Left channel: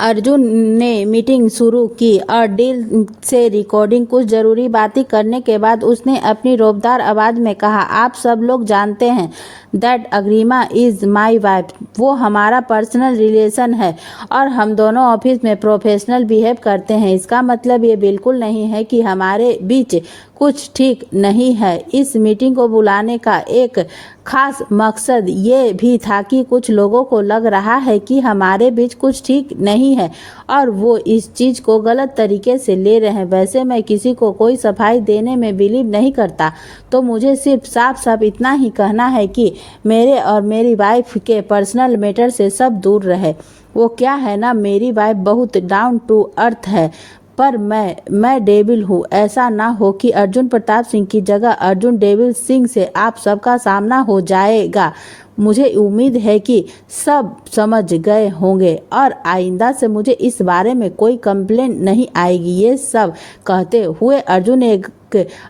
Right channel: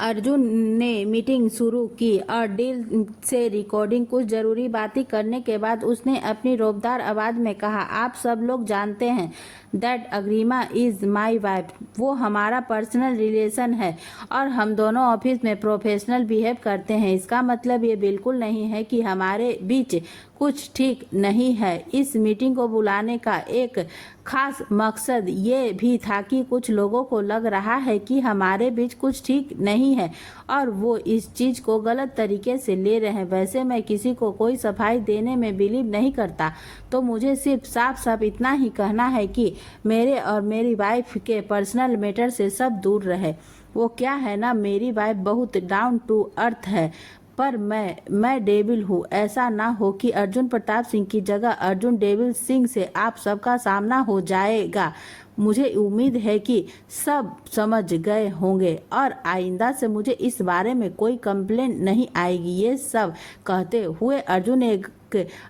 अर्जुन ने मीटिंग शुरू की और डील से रिकॉर्डिंग कुछ ज़रूरी बातें करने के बाद उसने अपनी रौबदार आवाज़ में कहा, आप सब लोग जानते हैं that Agrima is my wife. वो हमारा पर्सनल रिलेशन है और हम दोनों ऑफिस में प्रोफेशनल बिहेव करते हैं। इसका मतलब ये बिल्कुल नहीं है कि हमारे बीच कुछ ठीक नहीं है। इस मीटिंग को बुलाने का एक खास मकसद ये भी था कि कुछ लोगों को लग रहा है कि हमारे बीच कुछ ठीक नहीं है और वो इस चीज़ को गलत तरीके से ले रहे हैं। वैसे मैं किसी को कोई सफाई देने में बिलीव नहीं करता, तो मुझे सिर्फ साफ साफ इतना ही कहना है कि मेरे और मेरी वाइफ के पर्सनल मैटर से सब दूर रहे। वो क्या है ना, मेरी वाइफ बहुत डाउन टू अर्थ है, पर मैं डेविल हूँ। ऐसा ना हो कि अर्जुन प्रताप सिंह की जगह अर्जुन डेविल सिंह से आप सबका सामना हो जाएगा। मुझे उम्मीद है कि सब समझ गए होंगे और आइंदा से मुझे इस बारे में कोई कंप्लेंट नहीं आएगी। ये सब कहते हुए अर्जुन ने एक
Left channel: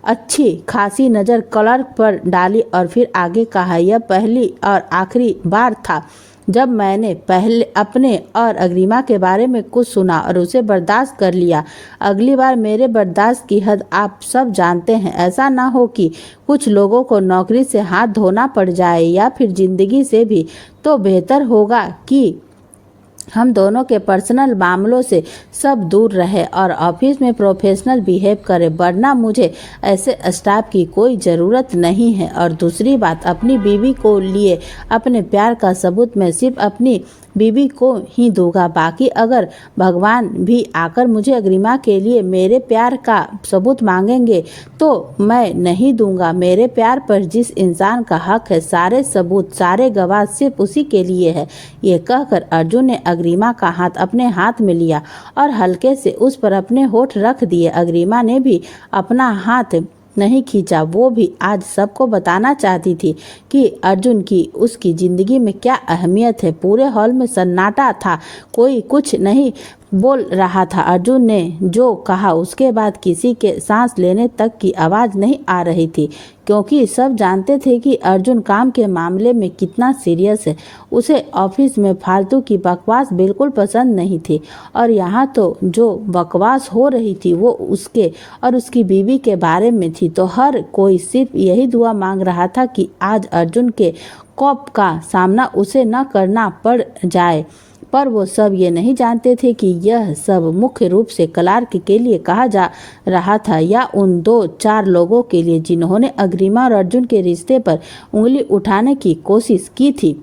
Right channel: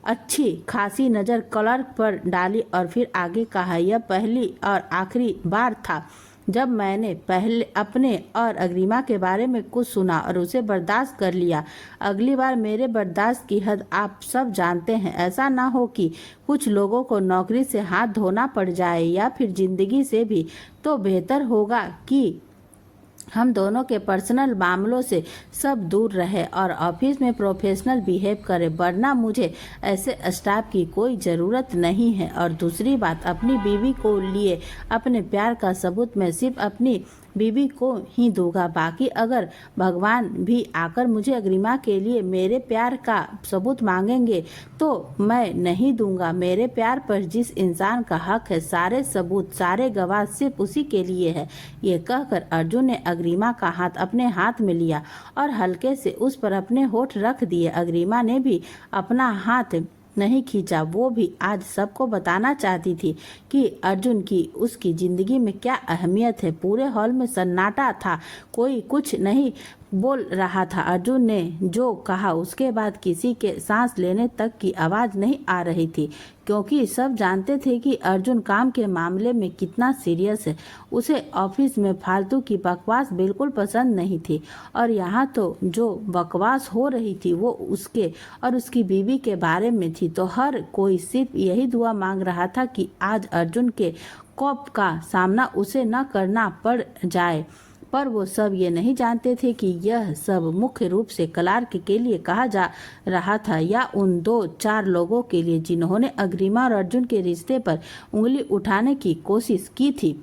अच्छी खासी नज़र क्लर्क पर डाली और फिर आगे कहा, यह पहली और आखिरी बार था जब मैंने पहले अपने और अग्रिमा के बारे में कुछ सुना और उसे बर्दाश्त कर लिया। अगली बार मेरे बर्दाश्त की हद आप सब जानते हैं। ऐसा ना हो कि कुछ लोगों को नौकरी से हाथ धोना पड़ जाए या फिर जिंदगी से भी। तो बेहतर होगा कि हम दोनों के पर्सनल मामलों से सब दूर रहे और ऑफिस में प्रोफेशनल बिहेव करें, वरना मुझे ऐसे स्टाफ की कोई ज़रूरत नहीं है। और दूसरी बात, अपनी बीवी को लिए अपने प्यार का सबूत मैं सिर्फ अपनी बीवी को ही दूंगा। बाकी अगर भगवान भी आकर मुझे अग्रिमा के लिए मेरे प्यार का सबूत मांगेंगे तो मैं नहीं दूंगा। मेरे प्यार पर जिस इंसान का हक है, सारे सबूत सारे गवाह सिर्फ उसी के लिए है। ये कहकर अर्जुन ने अग्रिमा का हाथ अपने हाथ में लिया और हल्के से उस पर अपने होठ रख दिए। अग्रिमा ने भी अपना हाथ नहीं खींचा। वो भी आज सबको बताना चाहती थी कि अर्जुन की उसकी ज़िंदगी में क्या अहमियत है। पूरे हॉल में सन्नाटा था, कोई कुछ नहीं बोल रहा था। अर्जुन ने जो कहा उसके बाद किसी के सांस लेने तक की आवाज़ नहीं आ रही थी, क्योंकि सब जानते थे कि अर्जुन काम के मामले में कितना सीरियस है। उसे ऑफिस में फालतू की बकवास बिल्कुल पसंद नहीं थी और यहाँ तो जो बकवास हो रही थी वो उसके और उसकी बीवी के बारे में थी। तो हर कोई सिर्फ यही दुआ मांग रहा था कि आज अर्जुन के खौफ का सामना उसे न करना पड़ जाए। पर वो सब ये नहीं जानते थे कि यह सब मुख्य रूप से क्लार्क के लिए कहा जा रहा था या उन 2-4 लोगों के लिए जिन्होंने अग्रिमा और अर्जुन के रिश्ते पर उंगली उठाने की कोशिश की थी।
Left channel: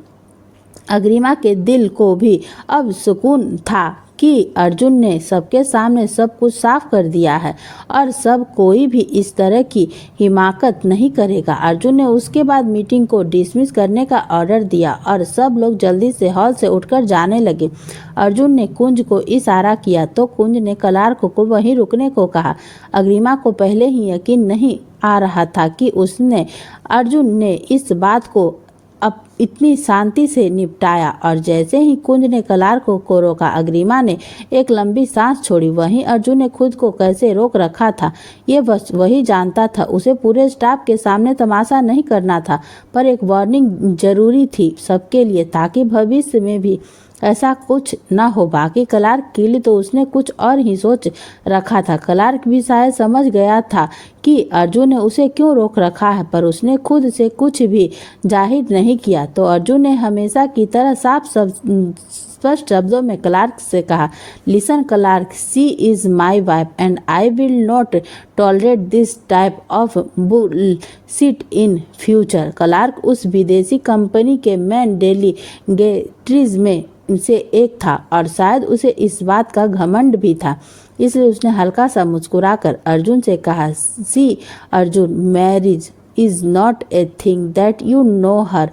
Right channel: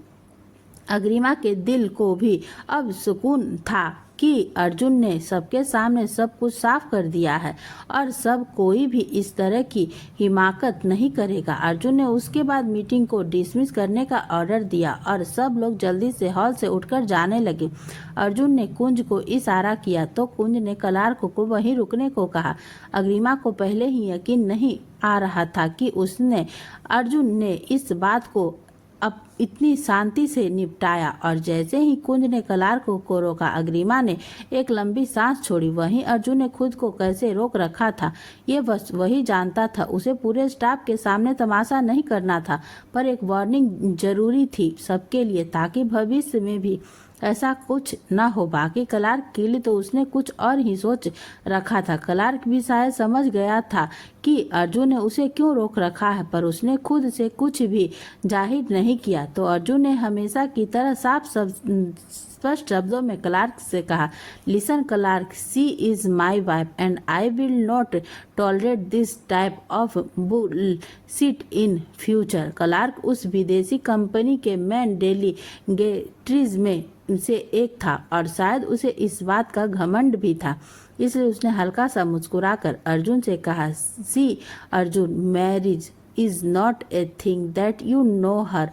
अग्रिमा के दिल को भी अब सुकून था कि अर्जुन ने सबके सामने सब कुछ साफ कर दिया है और सब कोई भी इस तरह की हिमाकत नहीं करेगा। अर्जुन ने उसके बाद मीटिंग को डिसमिस करने का ऑर्डर दिया और सब लोग जल्दी से हॉल से उठकर जाने लगे। अर्जुन ने कुंज को इशारा किया तो कुंज ने क्लार्क को वहीं रुकने को कहा। अग्रिमा को पहले ही यकीन नहीं आ रहा था कि उसने अर्जुन ने इस बात को अब इतनी शांति से निपटाया और जैसे ही कुंज ने क्लार्क को रोका, अग्रिमा ने एक लंबी सांस छोड़ी। वहीं अर्जुन ने खुद को कैसे रोक रखा था ये बस वही जानता था। उसे पूरे स्टाफ के सामने तमाशा नहीं करना था, पर एक वार्निंग जरूरी थी सबके लिए, ताकि भविष्य में भी ऐसा कुछ न हो। बाकी क्लार्क के लिए तो उसने कुछ और ही सोच रखा था। क्लार्क भी शायद समझ गया था कि अर्जुन ने उसे क्यों रोक रखा है, पर उसने खुद से कुछ भी जाहिर नहीं किया। तो अर्जुन ने हमेशा की तरह स्पष्ट शब्दों में क्लार्क से कहा, listen Clark, she is my wife and I will not tolerate this type of bullshit in future. Clark उस विदेशी कंपनी के मेन डेलीगेट्रीज में से एक था और शायद उसे इस बात का घमंड भी था, इसलिए उसने हल्का सा मुस्कुराकर अर्जुन से कहा, see Arjun, marriage is not a thing that you know her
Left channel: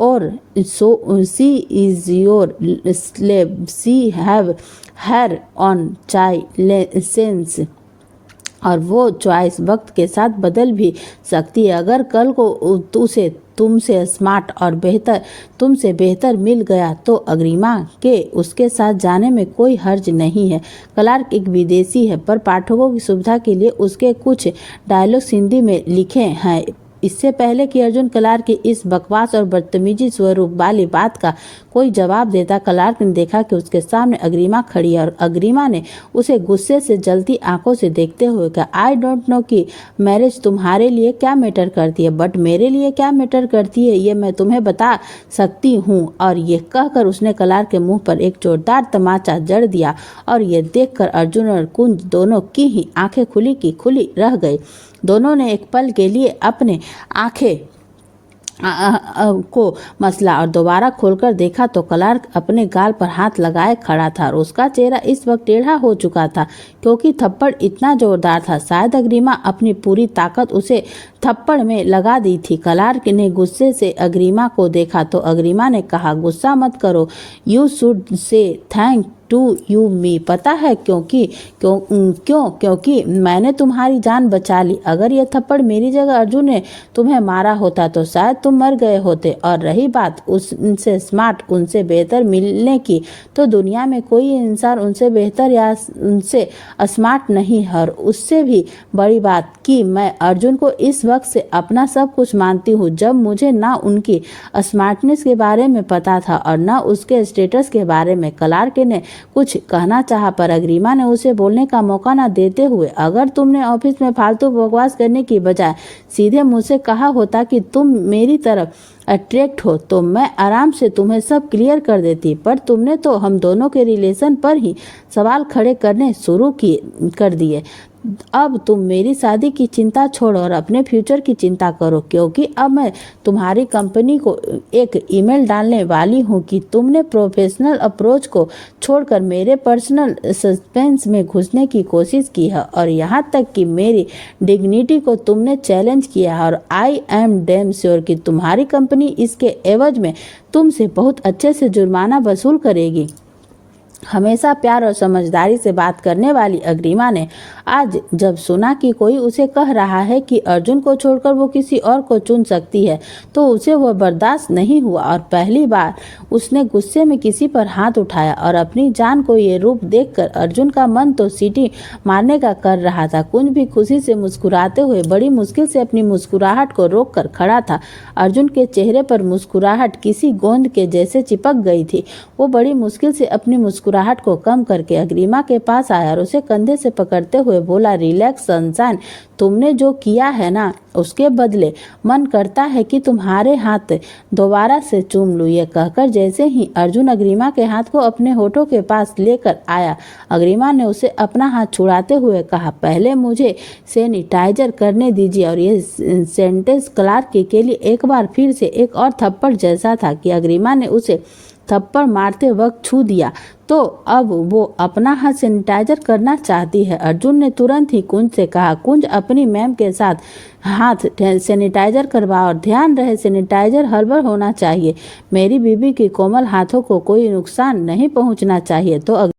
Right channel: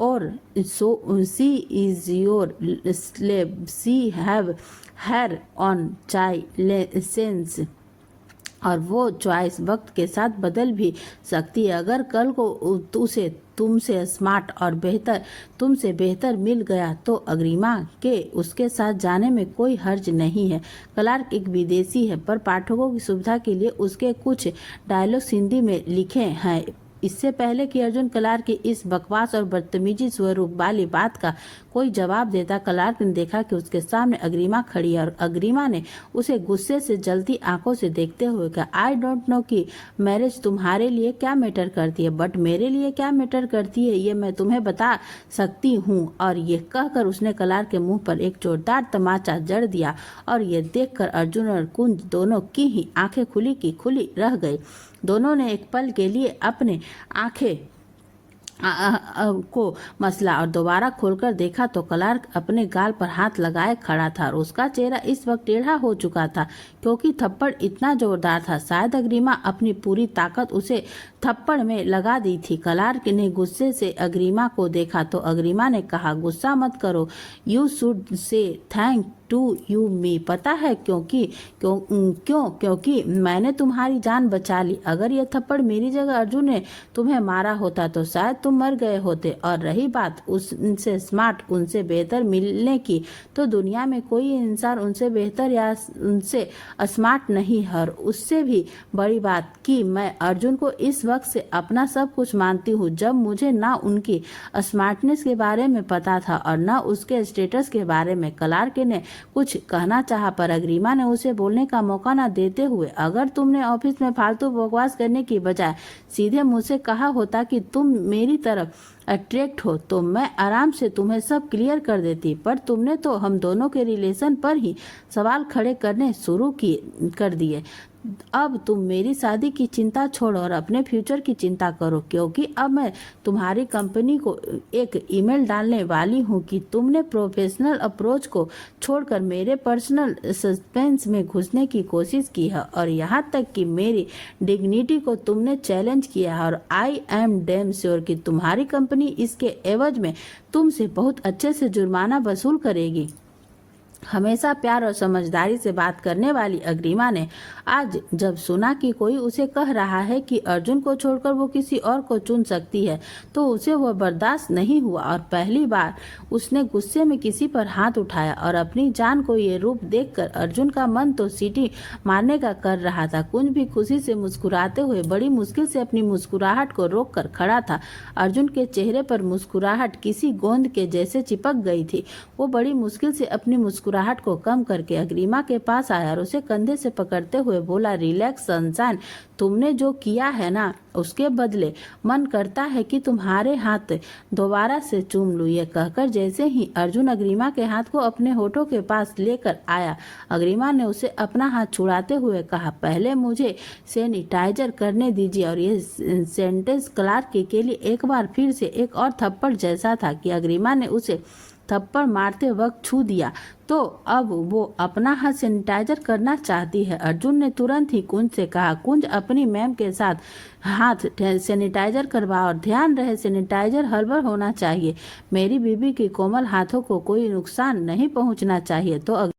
और so she is your slave, she have her own child और वो चॉइस वक्त के साथ बदल भी सकती है। अगर कल को उसे तुमसे स्मार्ट और तुमसे बेहतर मिल गया तो अग्रिमा के उसके साथ जाने में कोई हर्ज नहीं है। क्लार्क एक विदेशी है, पर पाठकों की सुविधा के लिए उसके कुछ डायलॉग्स हिंदी में लिखे हैं। इससे पहले कि अर्जुन क्लार्क की इस बकवास और बदतमीजी स्वरूप वाली बात का कोई जवाब देता, क्लार्क ने देखा कि उसके सामने अग्रिमा खड़ी है और अग्रिमा ने उसे गुस्से से जलती आंखों से देखते हुए कहा, आई डोंट नो कि मैरिज तुम्हारे लिए क्या मैटर करती है, बट मेरे लिए क्या मैटर करती है ये मैं तुम्हें बता सकती हूँ। और ये कहकर उसने क्लार्क के मुंह पर एक जोरदार तमाचा जड़ दिया और ये देखकर अर्जुन और कुंज दोनों की ही आंखें खुली की खुली रह गई। दोनों ने एक पल के लिए अपने आंखें को मसला और दोबारा खोलकर देखा तो क्लार्क अपने गाल पर हाथ लगाए खड़ा था और उसका चेहरा इस वक्त टेढ़ा हो चुका था क्योंकि थप्पड़ इतना जोरदार था। शायद अग्रिमा अपनी पूरी ताकत उसे थप्पड़ में लगा दी थी। क्लार्क ने गुस्से से अग्रिमा को देखा तो अग्रिमा ने कहा, गुस्सा मत करो, you should say thank to you me. पता है क्योंकि मैंने तुम्हारी जान बचा ली। अगर यह थप्पड़ मेरी जगह अर्जुन ने तुम्हें मारा होता तो शायद तुम मर गए होते। और रही बात उनसे स्मार्ट, उनसे बेहतर मिलने की, तो दुनिया में कोई इंसान उनसे बेहतर या उनसे स्मार्ट नहीं है। और उससे भी बड़ी बात कि मैं अर्जुन को इस वक्त से अपना सब कुछ मानती हूँ, जब मुझे ना उनकी स्मार्टनेस के बारे में पता था और ना उसके स्टेटस के बारे में। क्लार्क ने कुछ कहना चाहा पर अग्रिमा ने उसे बोलने का मौका न देते हुए, अगर तुमने ऑफिस में फालतू बकवास करने की बजाय सीधे मुझसे कहा होता कि तुम मेरी तरफ अट्रैक्ट हो तो मैं आराम से तुम्हें सब क्लियर कर देती, पर तुमने तो हम दोनों के रिलेशन पर ही सवाल खड़े करने शुरू कर दिए। अब तुम मेरी शादी की चिंता छोड़ो और अपने फ्यूचर की चिंता करो, क्योंकि अब मैं तुम्हारी कंपनी को एक ईमेल डालने वाली हूँ कि तुमने प्रोफेशनल अप्रोच को छोड़कर मेरे पर्सनल सस्पेंस में घुसने की कोशिश की है और यहाँ तक कि मेरी डिग्निटी को तुमने चैलेंज किया है। और आई एम डैम श्योर कि तुम्हारी कंपनी इसके एवज में तुमसे बहुत अच्छे से जुर्माना वसूल करेगी। हमेशा प्यार और समझदारी से बात करने वाली अग्रिमा ने आज जब सुना कि कोई उसे कह रहा है कि अर्जुन को छोड़कर वो किसी और को चुन सकती है तो उसे वह बर्दाश्त नहीं हुआ और पहली बार उसने गुस्से में किसी पर हाथ उठाया। और अपनी जान को ये रूप देखकर अर्जुन का मन तो सीटी मारने का कर रहा था। कुंज भी खुशी से मुस्कुराते हुए बड़ी मुश्किल से अपनी मुस्कुराहट को रोक कर खड़ा था। अर्जुन के चेहरे पर मुस्कुराहट किसी गोंद के जैसे चिपक गई थी। वो बड़ी मुश्किल से अपनी मुस्कुराहट को कम करके अग्रिमा के पास आया और उसे कंधे से पकड़ते हुए बोला, रिलैक्स सनशाइन, तुमने जो किया है ना उसके बदले मन करता है कि तुम्हारे हाथ दोबारा से चूम लूं। ये कहकर जैसे ही अर्जुन अग्रिमा के हाथ को अपने होठों के पास लेकर आया, अग्रिमा ने उसे अपना हाथ छुड़ाते हुए कहा, पहले मुझे सैनिटाइजर करने दीजिए। और ये सेंटेंस क्लार्क के लिए एक बार फिर से एक और थप्पड़ जैसा था कि अग्रिमा ने उसे थप्पड़ मारते वक्त छू दिया तो अब वो अपना हाथ सैनिटाइजर करना चाहती है। अर्जुन ने तुरंत ही कुंज से कहा, कुंज अपनी मैम के साथ हाथ सैनिटाइजर करवाओ और ध्यान रहे सैनिटाइजर हर्बल होना चाहिए। मेरी बीबी के कोमल हाथों को कोई नुकसान नहीं पहुंचना चाहिए। तो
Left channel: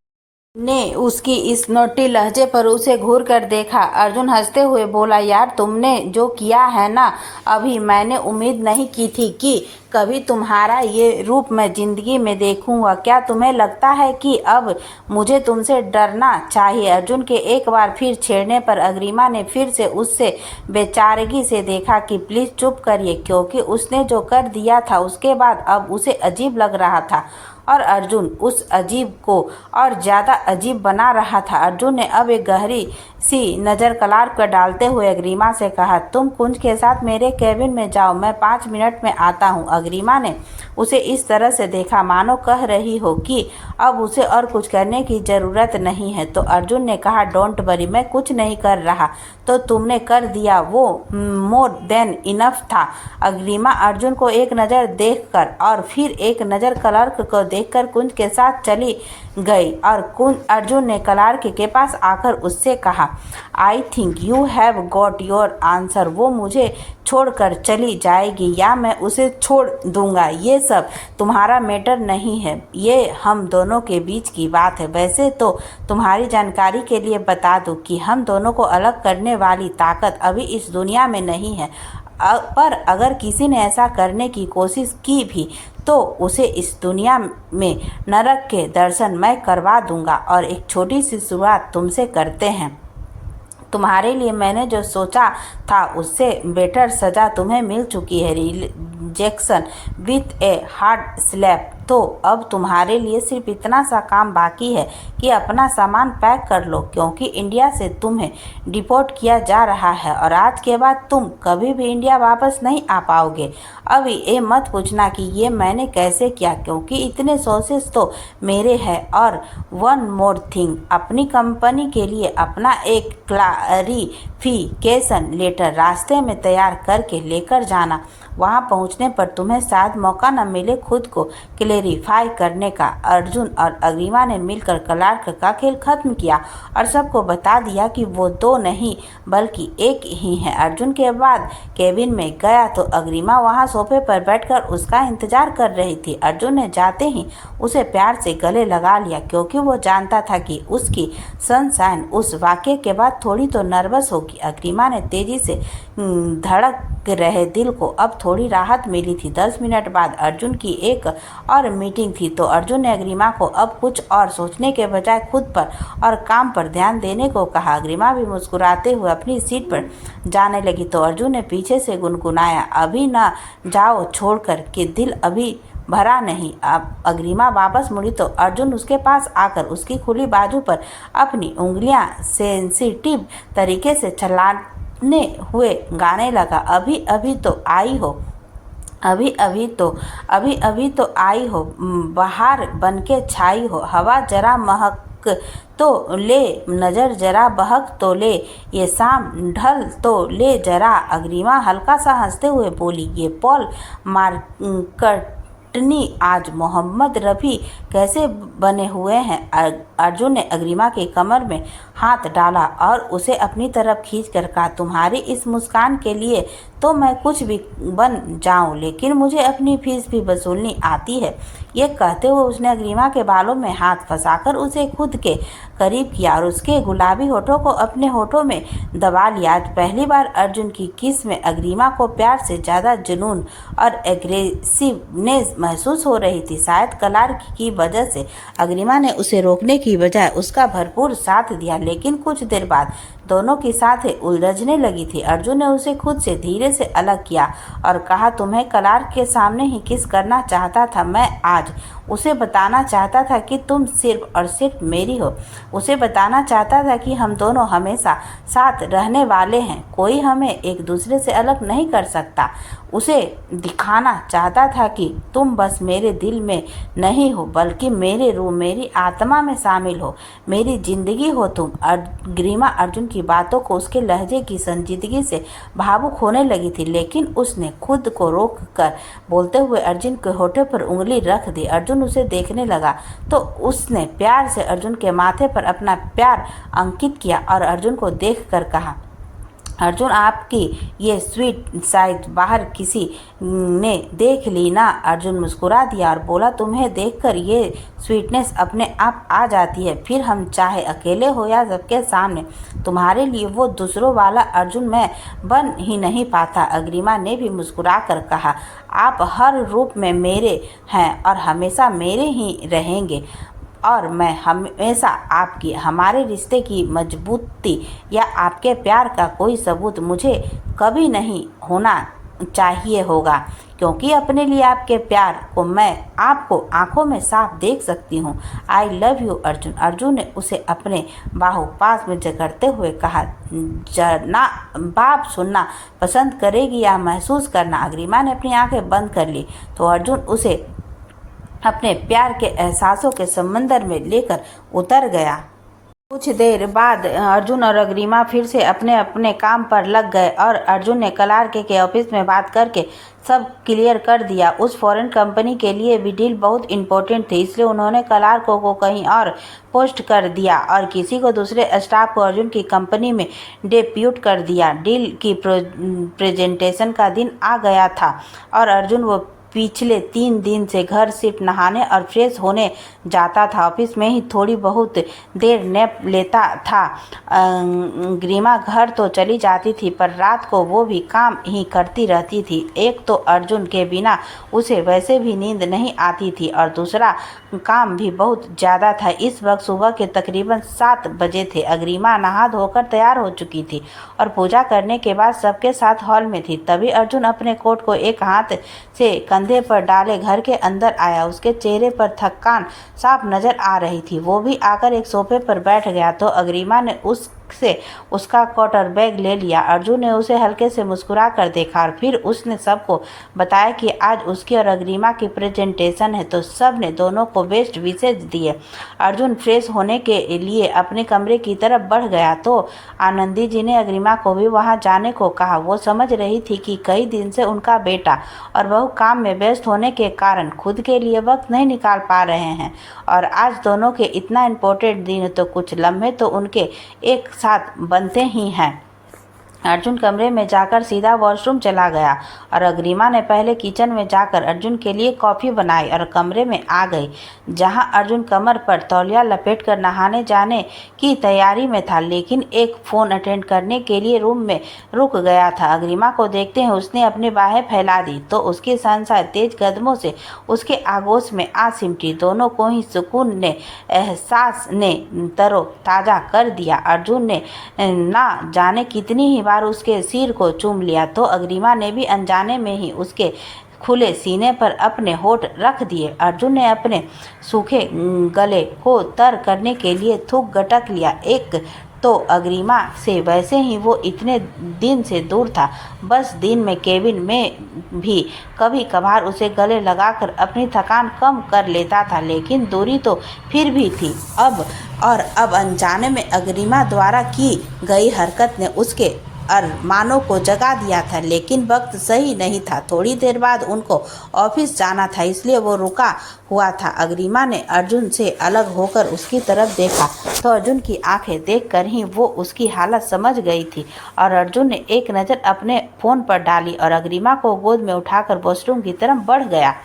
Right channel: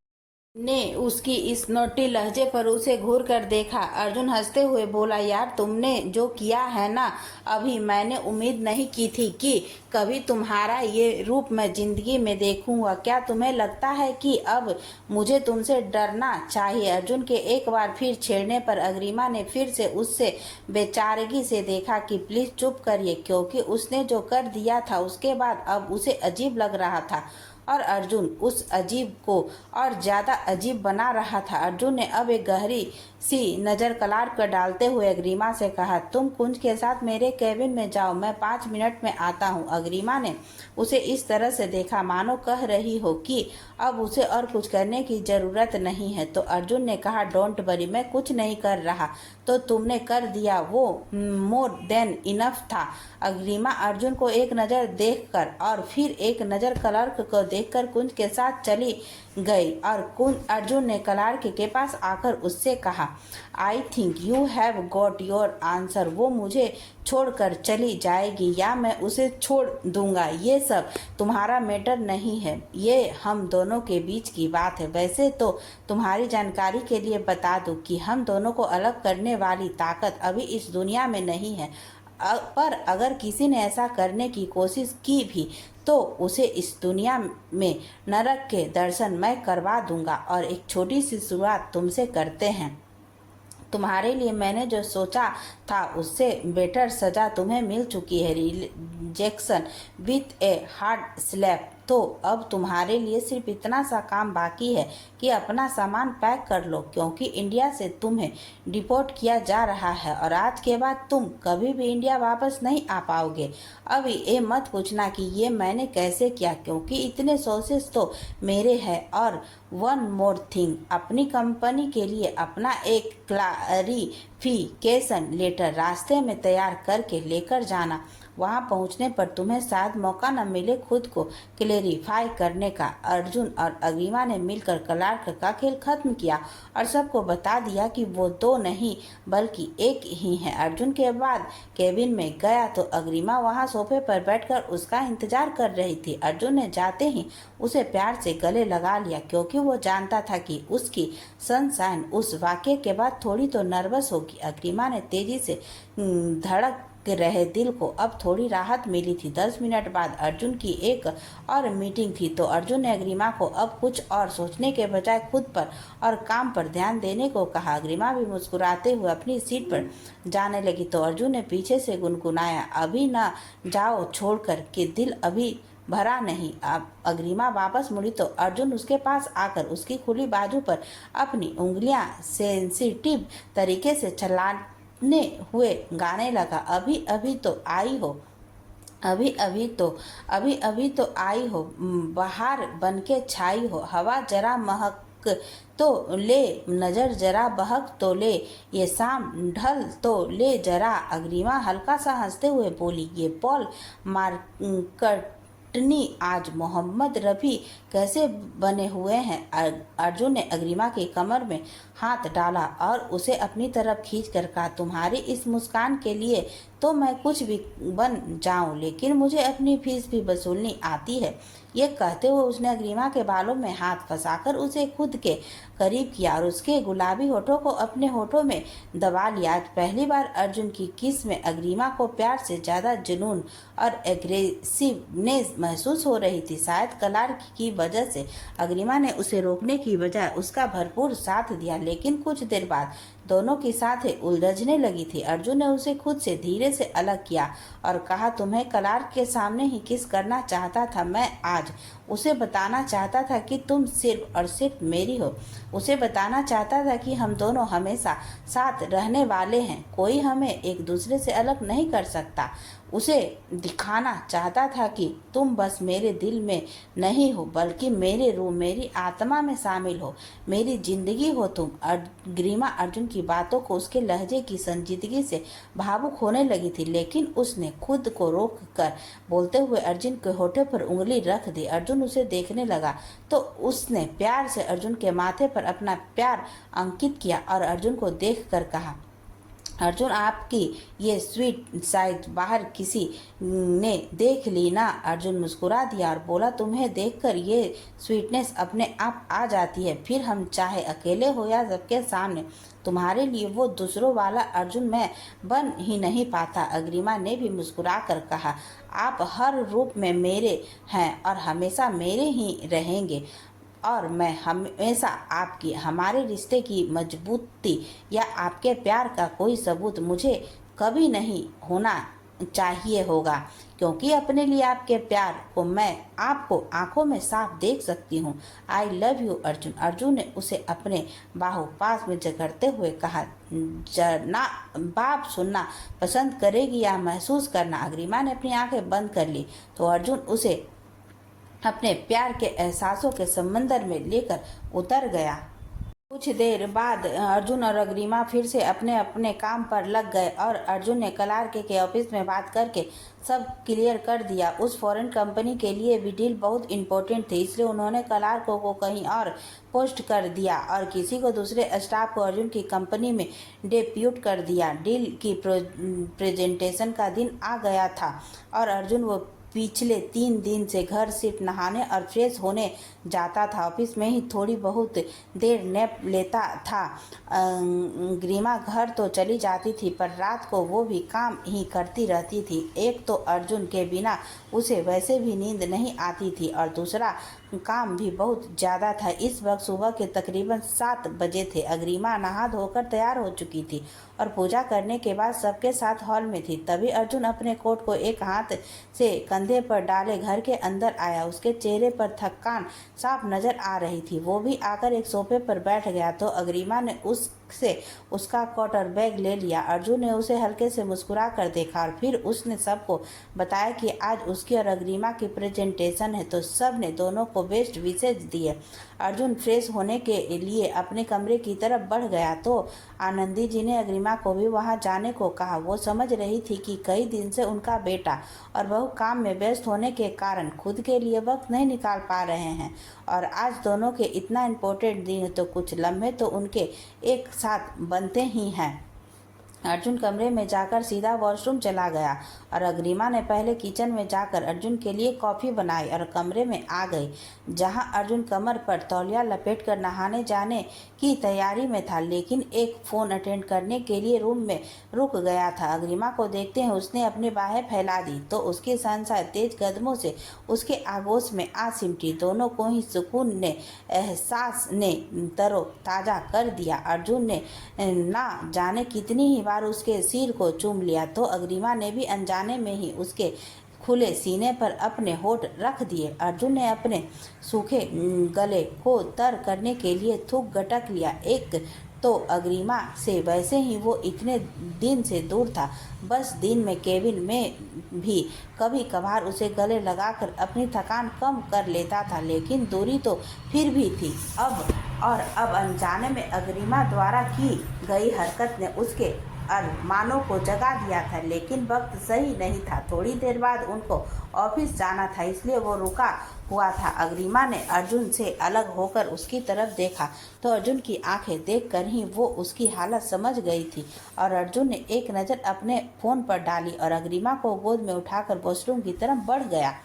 ने उसकी इस नोटी लहजे पर उसे घूर कर देखा। अर्जुन हंसते हुए बोला, यार तुमने जो किया है ना अभी, मैंने उम्मीद नहीं की थी कि कभी तुम्हारा ये रूप मैं जिंदगी में देखूंगा। क्या तुम्हें लगता है कि अब मुझे तुमसे डरना चाहिए? अर्जुन के एक बार फिर छेड़ने पर अग्रिमा ने फिर से उससे बेचारगी से देखा कि प्लीज चुप करिए, क्योंकि उसने जो कर दिया था उसके बाद अब उसे अजीब लग रहा था और अर्जुन उस अजीब को और ज़्यादा अजीब बना रहा था। अर्जुन ने अब एक गहरी सी नज़र क्लार्क पर डालते हुए अग्रिमा से कहा, तुम कुंज के साथ मेरे कैबिन में जाओ, मैं 5 मिनट में आता हूँ। अग्रिमा ने उसे इस तरह से देखा मानो कह रही हो कि अब उसे और कुछ करने की ज़रूरत नहीं है। तो अर्जुन ने कहा, डोंट वरी, मैं कुछ नहीं कर रहा, तो तुमने कर दिया वो मोर देन इनफ था। अग्रिमा अर्जुन को एक नज़र देखकर और फिर एक नज़र क्लार्क को देखकर कुंज के साथ चली गई और अर्जुन ने क्लार्क के पास आकर उससे कहा, I think you have got your answer. वो मुझे छोड़कर चली जाएगी या मैं उसे छोड़ दूंगा, ये सब तुम्हारा मैटर नहीं है, ये हम दोनों के बीच की बात है। वैसे तो तुम्हारी जानकारी के लिए बता दूं कि हम दोनों को अलग करने वाली ताकत अभी इस दुनिया में नहीं है, पर अगर किसी ने ऐसा करने की कोशिश की भी तो उसे इस दुनिया में नरक के दर्शन मैं करवा दूंगा। और एक छोटी सी शुरुआत तुमसे करते हैं। तुम्हारे लिए मैंने जो सोचा था उससे बेटर सजा तुम्हें मिल चुकी है, rejection with a hard slap. तो अब तुम्हारे लिए सिर्फ इतना सा काम बाकी है कि अपना सामान पैक कर लो, क्योंकि इंडिया से तुम्हें डिपोर्ट किया जा रहा है और आज के बाद तुम कभी भी इंडिया वापस नहीं आ पाओगे। अभी ये मत पूछना कि ये मैंने कैसे किया, क्योंकि इतने सोर्सेस तो मेरे हैं। और वन मोर थिंग, अपनी कंपनी के लिए अपना एक क्लैरिफिकेशन लेटर रास्ते में तैयार करके लेकर जाना। वहां पहुंचने पर तुम्हें शायद मौका न मिले खुद को क्लेरिफाई करने का। अर्जुन और अग्रिमा ने मिलकर क्लार्क का खेल खत्म किया और सबको बता दिया कि वो दो नहीं बल्कि एक ही है। अर्जुन के बाद केबिन में गया तो अग्रिमा वहां सोफे पर बैठकर उसका इंतजार कर रही थी। अर्जुन ने जाते ही उसे प्यार से गले लगा लिया, क्योंकि वो जानता था कि उसकी सनशाइन उस वाक्य के बाद थोड़ी तो नर्वस होगी। अग्रिमा ने तेजी से धड़क रहे दिल को अब थोड़ी राहत मिली थी। 10 मिनट बाद अर्जुन की एक और मीटिंग थी, तो अर्जुन ने अग्रिमा को अब कुछ और सोचने के बजाय खुद पर और काम पर ध्यान देने को कहा। अग्रिमा भी मुस्कुराते हुए अपनी सीट पर जाने लगी, तो अर्जुन ने पीछे से गुनगुनाया, अभी ना जाओ छोड़कर कि दिल अभी भरा नहीं। अब अग्रिमा वापस मुड़ी तो अर्जुन उसके पास आकर उसकी खुली बाजू पर अपनी उंगलियां सेंसिटिव तरीके से चलाने हुए गाने लगा, अभी अभी तो आई हो, अभी अभी तो आई हो, बहार बनके छाई हो, हवा जरा महक तो ले, नजर जरा बहक तो ले, ये शाम ढल तो ले जरा। अग्रिमा हल्का सा हंसते हुए बोली, ये पॉल मार्कटनी आज मोहम्मद रफ़ी कैसे बने हुए हैं। अर्जुन ने अग्रिमा की कमर में हाथ डाला और उसे अपनी तरफ खींचकर कहा, तुम्हारी इस मुस्कान के लिए तो मैं कुछ भी बन जाऊं, लेकिन मुझे अपनी फीस भी वसूलनी आती है। ये कहते हुए उसने अग्रिमा के बालों में हाथ फंसाकर उसे खुद के करीब किया और उसके गुलाबी होठों को अपने होठों में दबा लिया। आज पहली बार अर्जुन की किस में अग्रिमा को प्यार से ज़्यादा जुनून और एग्रेसिवनेस महसूस हो रही थी। शायद क्लार्क की वजह से अग्रिमा ने उसे रोकने की बजाय उसका भरपूर साथ दिया, लेकिन कुछ देर बाद दोनों की साथें उलझने लगी थी। अर्जुन ने उसे खुद से धीरे से अलग किया और कहा, तुम्हें क्लार्क के सामने ही किस करना चाहता था। मैं आज उसे बताना चाहता था कि तुम सिर्फ और सिर्फ मेरी हो। उसे बताना चाहता था कि हम दोनों हमेशा साथ रहने वाले हैं, कोई हमें एक दूसरे से अलग नहीं कर सकता। उसे दिखाना चाहता था कि तुम बस मेरे दिल में नहीं हो बल्कि मेरे रूह, मेरी आत्मा में शामिल हो, मेरी जिंदगी हो तुम। अग्रिमा अर्जुन की बातों को उसके लहजे की संजीदगी से भावुक होने लगी थी, लेकिन उसने खुद को रोक कर बोलते हुए अर्जुन के होठे पर उंगली रख दी। अर्जुन उसे देखने लगा तो उसने प्यार से अर्जुन के माथे पर अपना प्यार अंकित किया और अर्जुन को देखकर कहा, अर्जुन आपकी ये स्वीट साइड बाहर किसी ने देख ली ना। अर्जुन मुस्कुरा दिया और बोला, तुम्हें देखकर ये स्वीटनेस अपने आप आ जाती है, फिर हम चाहे अकेले हो या सबके सामने। तुम्हारे लिए वो दूसरों वाला अर्जुन मैं बन ही नहीं पाता। अग्रिमा ने भी मुस्कुरा कर कहा, आप हर रूप में मेरे हैं और हमेशा मेरे ही रहेंगे और मैं हमेशा आपकी, हमारे रिश्ते की मजबूती या आपके प्यार का कोई सबूत मुझे कभी नहीं होना चाहिए होगा, क्योंकि अपने लिए आपके प्यार को मैं आपको आंखों में साफ देख सकती हूँ। I love you Arjun. Arjun ने उसे अपने बाहु पास में जकड़ते हुए कहा, जना बाप सुनना पसंद करेगी या महसूस करना। अग्रिमा ने अपनी आंखें बंद कर ली तो अर्जुन उसे अपने प्यार के एहसासों के समंदर में लेकर उतर गया। कुछ देर बाद अर्जुन और अग्रिमा फिर से अपने अपने काम पर लग गए और अर्जुन ने क्लार्क के ऑफिस में बात करके सब क्लियर कर दिया। उस फॉरेन कंपनी के लिए भी डील बहुत इम्पोर्टेंट थी, इसलिए उन्होंने क्लार्क को कहीं और पोस्ट कर दिया और किसी को दूसरे स्टाफ को अर्जुन की कंपनी में डेप्यूट कर दिया। डील की प्रेजेंटेशन का दिन आ गया था और अर्जुन वो पिछले 3 दिन से घर सिर्फ नहाने और फ्रेश होने जाता था। ऑफिस में ही थोड़ी बहुत देर नैप लेता था। ग्रीमा घर तो चली जाती थी पर रात को वो भी काम ही करती रहती थी। एक तो अर्जुन के बिना उसे वैसे भी नींद नहीं आती थी और दूसरा काम भी बहुत ज़्यादा था। इस वक्त सुबह के तकरीबन 7 बजे थे। अग्रिमा नहा धोकर तैयार हो चुकी थी और पूजा करने के बाद सबके साथ हॉल में थी। तभी अर्जुन अपने कोट को एक हाथ से कंधे पर डाले घर के अंदर आया। उसके चेहरे पर थकान साफ नजर आ रही थी। वो भी आकर एक सोफे पर बैठ गया तो अग्रिमा ने उससे उसका क्वार्टर बैग ले लिया। अर्जुन ने उसे हल्के से मुस्कुरा कर देखा और फिर उसने सबको बताया कि आज उसकी और अग्रिमा की प्रेजेंटेशन है तो सब ने दोनों को बेस्ट विशेष दिए। अर्जुन फ्रेश होने के लिए अपने कमरे की तरफ बढ़ गया तो आनंदी जी ने अग्रिमा को भी वहां जाने को कहा। वो समझ रही थी कि कई दिन से उनका बेटा और बहू काम में व्यस्त होने के कारण खुद के लिए वक्त नहीं निकाल पा रहे हैं और आज दोनों के इतना इम्पोर्टेंट दिन है तो कुछ लम्हे तो उनके एक साथ बनते ही हैं। अर्जुन कमरे में जाकर सीधा वॉशरूम चला गया और अग्रिमा ने पहले किचन में जाकर अर्जुन के लिए कॉफ़ी बनाई और कमरे में आ गई जहां अर्जुन कमर पर तौलिया लपेटकर नहाने जाने की तैयारी में था, लेकिन एक फ़ोन अटेंड करने के लिए रूम में रुक गया था। अग्रिमा को देखते ही उसने अपनी बाहें फैला दी तो उसकी सहनसा तेज कदमों से उसके आगोश में आ सिमटी। दोनों को ही सुकून ने एहसास ने तरोताज़ा कर दिया। अर्जुन ने ना जाने कितनी ही बार उसके सिर को चूम लिया तो अग्रिमा ने भी अनजाने में ही उसके खुले सीने पर अपने होठ रख दिए। अर्जुन ने अपने सूखे गले को तर करने के लिए थूक गटक लिया। एक तो अग्रिमा से वैसे ही वो इतने दिन से दूर था। बस दिन में केबिन में भी कभी कभार उसे गले लगाकर अपनी थकान कम कर लेता था, लेकिन दूरी तो फिर भी थी। अब अनजाने में अग्रिमा द्वारा की गई हरकत ने उसके अरमानों को जगा दिया था, लेकिन वक्त सही नहीं था। थोड़ी देर बाद उनको ऑफिस जाना था इसलिए वो रुका हुआ था। अग्रिमा ने अर्जुन से अलग होकर उसकी तरफ देखा तो अर्जुन की आंखें देखकर ही वो उसकी हालत समझ गई थी और अर्जुन ने एक नज़र अपने फ़ोन पर डाली और अग्रिमा को गोद में उठाकर वॉशरूम की तरफ बढ़ गया।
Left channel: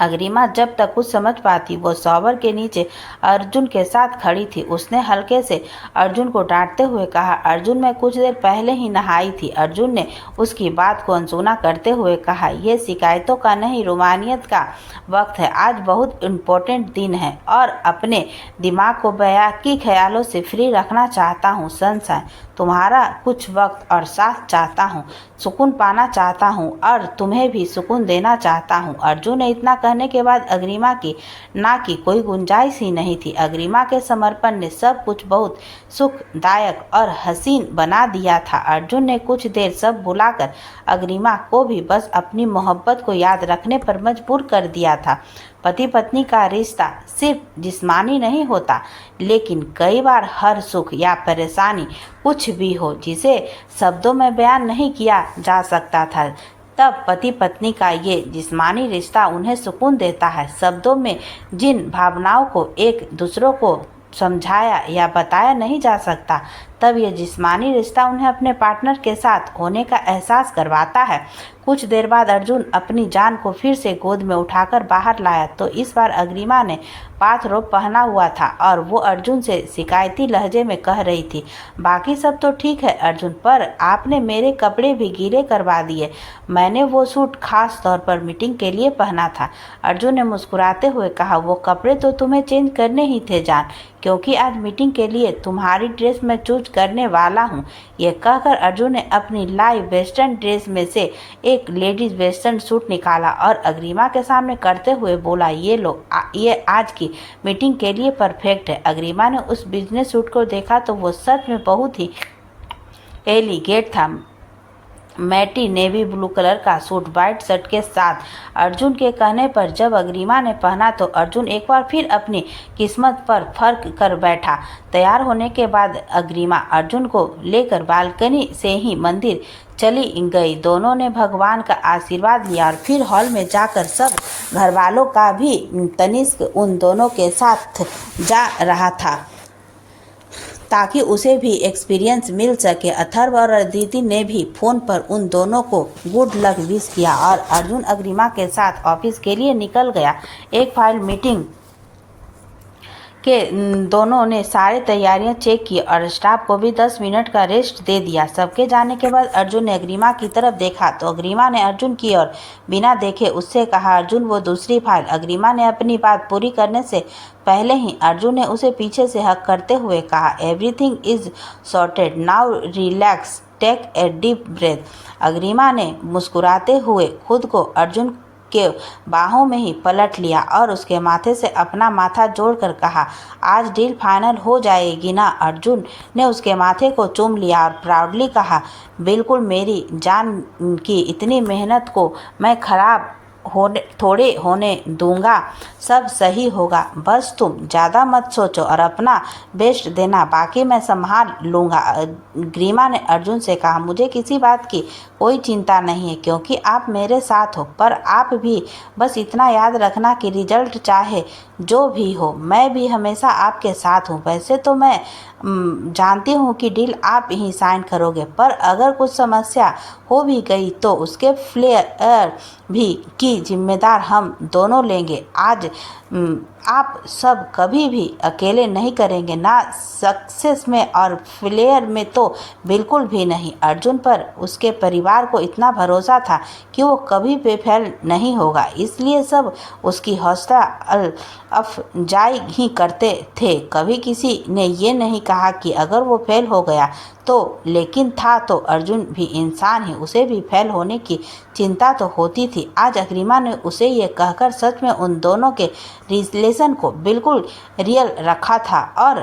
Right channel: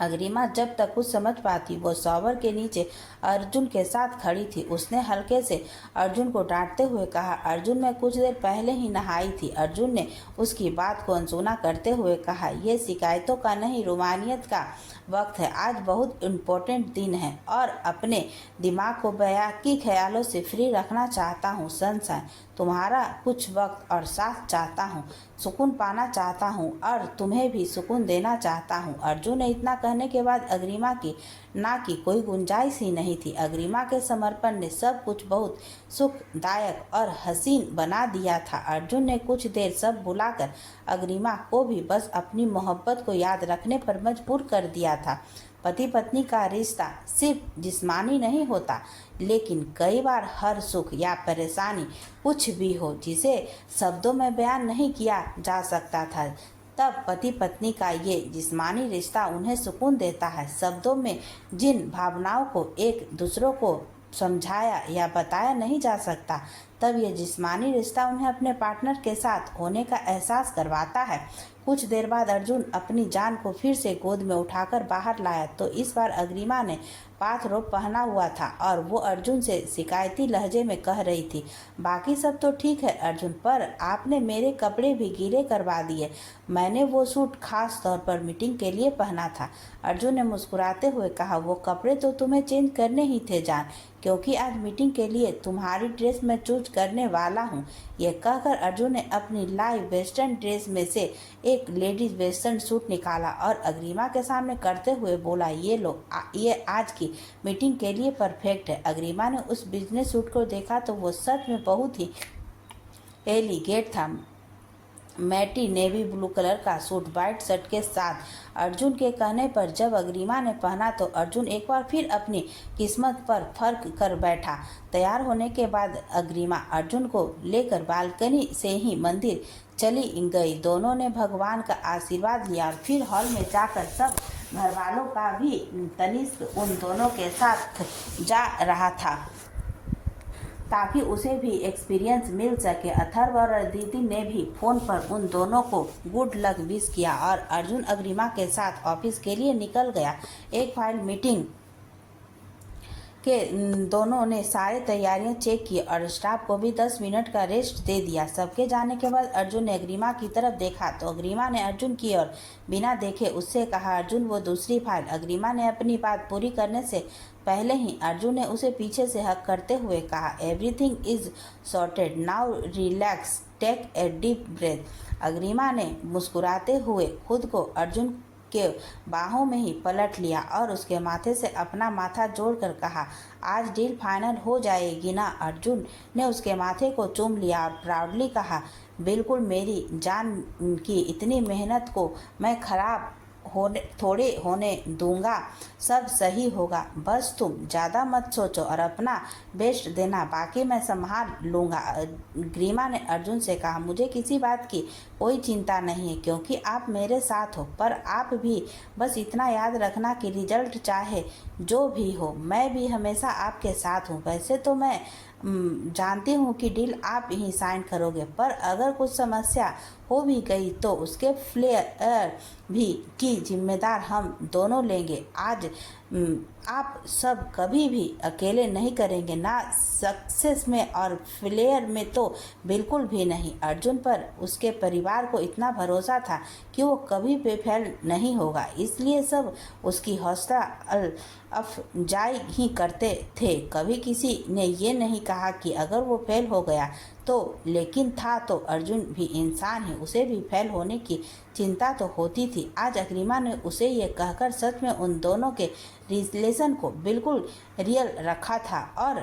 अग्रिमा जब तक कुछ समझ पाती वो शॉवर के नीचे अर्जुन के साथ खड़ी थी। उसने हल्के से अर्जुन को डांटते हुए कहा, अर्जुन मैं कुछ देर पहले ही नहाई थी। अर्जुन ने उसकी बात को अनसुना करते हुए कहा, यह शिकायतों का नहीं रोमानियत का वक्त है। आज बहुत इम्पोर्टेंट दिन है और अपने दिमाग को बेयाकी ख्यालों से फ्री रखना चाहता हूँ। सनशाइन तुम्हारा कुछ वक्त और साथ चाहता हूँ, सुकून पाना चाहता हूँ और तुम्हें भी सुकून देना चाहता हूँ। अर्जुन ने इतना कहने के बाद अग्रिमा की ना की कोई गुंजाइश ही नहीं थी। अग्रिमा के समर्पण ने सब कुछ बहुत सुखदायक और हसीन बना दिया था। अर्जुन ने कुछ देर सब भुलाकर अग्रिमा को भी बस अपनी मोहब्बत को याद रखने पर मजबूर कर दिया था। पति पत्नी का रिश्ता सिर्फ जिस्मानी नहीं होता, लेकिन कई बार हर सुख या परेशानी कुछ भी हो जिसे शब्दों में बयान नहीं किया जा सकता था, तब पति पत्नी का ये जिस्मानी रिश्ता उन्हें सुकून देता है। शब्दों में जिन भावनाओं को एक दूसरों को समझाया या बताया नहीं जा सकता, तब यह जिस्मानी रिश्ता उन्हें अपने पार्टनर के साथ होने का एहसास करवाता है। कुछ देर बाद अर्जुन अपनी जान को फिर से गोद में उठाकर बाहर लाया तो इस बार अग्रिमा ने बाथरोब पहना हुआ था और वो अर्जुन से शिकायती लहजे में कह रही थी, बाकी सब तो ठीक है अर्जुन, पर आपने मेरे कपड़े भी गीले करवा दिए। मैंने वो सूट खास तौर पर मीटिंग के लिए पहना था। अर्जुन ने मुस्कुराते हुए कहा, वो कपड़े तो तुम्हें चेंज करने ही थे जान, क्योंकि आज मीटिंग के लिए तुम्हारी ड्रेस मैं चूज करने वाला हूँ। यह कहकर अर्जुन ने अपनी लाइव वेस्टर्न ड्रेस में से एक लेडीज वेस्टर्न सूट निकाला और अग्रिमा के सामने करते हुए बोला, ये लो, ये आज की मीटिंग के लिए परफेक्ट है। अग्रिमा ने उस बिजनेस सूट को देखा तो वो सच में बहुत ही एलिगेंट था। मैटी नेवी ब्लू कलर का सूट वाइट शर्ट के साथ अर्जुन के कहने पर जब अग्रिमा ने पहना तो अर्जुन एक बार फिर अपनी किस्मत पर फर्क कर बैठा। तैयार होने के बाद अग्रिमा अर्जुन को लेकर बालकनी से ही मंदिर चली गई। दोनों ने भगवान का आशीर्वाद लिया और फिर हॉल में जाकर सब घर वालों का भी तनिष्क उन दोनों के साथ जा रहा था ताकि उसे भी एक्सपीरियंस मिल सके। अथर्व और अदिति ने भी फोन पर उन दोनों को गुड लक विश किया और अर्जुन अग्रिमा के साथ ऑफिस के लिए निकल गया। एक फाइल मीटिंग के दोनों ने सारी तैयारियां चेक की और स्टाफ को भी 10 मिनट का रेस्ट दे दिया। सबके जाने के बाद अर्जुन ने अग्रिमा की तरफ देखा तो अग्रिमा ने अर्जुन की ओर बिना देखे उससे कहा, अर्जुन वो दूसरी फाइल। अग्रिमा ने अपनी बात पूरी करने से पहले ही अर्जुन ने उसे पीछे से हक करते हुए कहा, everything is sorted now, relax, take a deep breath. Agrima ने मुस्कुराते हुए खुद को अर्जुन के बाहों में ही पलट लिया और उसके माथे से अपना माथा जोड़कर कहा, आज डील फाइनल हो जाएगी ना। अर्जुन ने उसके माथे को चूम लिया और प्राउडली कहा, बिल्कुल, मेरी जान की इतनी मेहनत को मैं खराब थोड़े होने दूंगा। सब सही होगा, बस तुम ज़्यादा मत सोचो और अपना बेस्ट देना, बाकी मैं संभाल लूँगा। अग्रिमा ने अर्जुन से कहा, मुझे किसी बात की कोई चिंता नहीं है क्योंकि आप मेरे साथ हो, पर आप भी बस इतना याद रखना कि रिजल्ट चाहे जो भी हो, मैं भी हमेशा आपके साथ हूँ। वैसे तो मैं जानती हूँ कि डील आप ही साइन करोगे, पर अगर कुछ समस्या हो भी गई तो उसके फ्लेयर भी की जिम्मेदार हम दोनों लेंगे। आज आप सब कभी भी अकेले नहीं करेंगे, ना सक्सेस में और फेलियर में तो बिल्कुल भी नहीं। अर्जुन पर उसके परिवार को इतना भरोसा था कि वो कभी भी फेल नहीं होगा, इसलिए सब उसकी हौसला अफजाई ही करते थे। कभी किसी ने ये नहीं कहा कि अगर वो फेल हो गया तो, लेकिन था तो अर्जुन भी इंसान ही, उसे भी फेल होने की चिंता तो होती थी। आज अग्रिमा ने उसे ये कहकर सच में उन दोनों के रिलेशन को बिल्कुल रियल रखा था और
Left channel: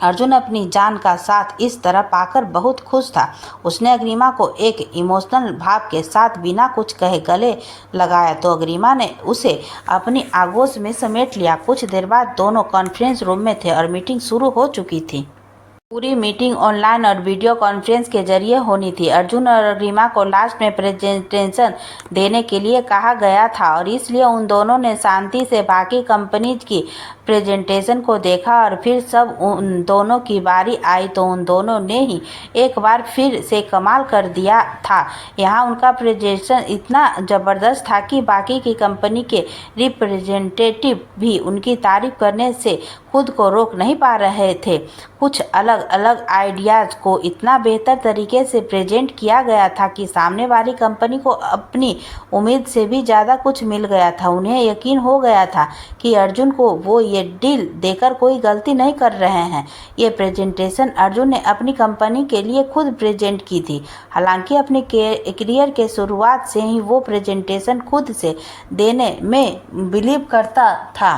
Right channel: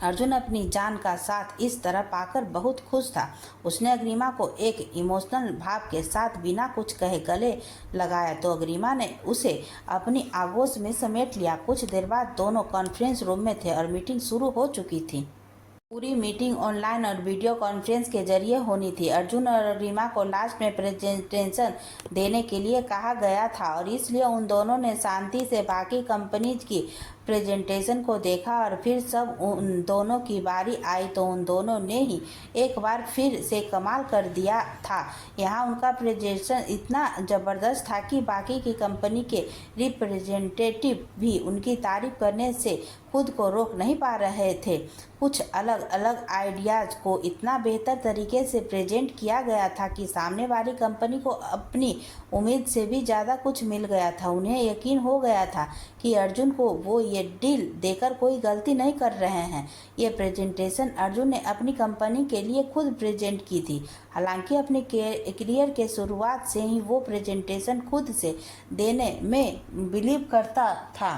अर्जुन अपनी जान का साथ इस तरह पाकर बहुत खुश था। उसने अग्रिमा को एक इमोशनल भाव के साथ बिना कुछ कहे गले लगाया तो अग्रिमा ने उसे अपनी आगोश में समेट लिया। कुछ देर बाद दोनों कॉन्फ्रेंस रूम में थे और मीटिंग शुरू हो चुकी थी। पूरी मीटिंग ऑनलाइन और वीडियो कॉन्फ्रेंस के जरिए होनी थी। अर्जुन और अग्रिमा को लास्ट में प्रेजेंटेशन देने के लिए कहा गया था और इसलिए उन दोनों ने शांति से बाकी कंपनीज की प्रेजेंटेशन को देखा और फिर सब उन दोनों की बारी आई तो उन दोनों ने ही एक बार फिर से कमाल कर दिया था। यहाँ उनका प्रेजेंटेशन इतना ज़बरदस्त था कि बाकी की कंपनी के रिप्रेजेंटेटिव भी उनकी तारीफ करने से खुद को रोक नहीं पा रहे थे। कुछ अलग अलग आइडियाज़ को इतना बेहतर तरीके से प्रेजेंट किया गया था कि सामने वाली कंपनी को अपनी उम्मीद से भी ज़्यादा कुछ मिल गया था। उन्हें यकीन हो गया था कि अर्जुन को वो ये डील देकर कोई गलती नहीं कर रहे हैं। ये प्रेजेंटेशन अर्जुन ने अपनी कंपनी के लिए खुद प्रेजेंट की थी। हालांकि अपने करियर के शुरुआत से ही वो प्रेजेंटेशन खुद से देने में बिलीव करता था,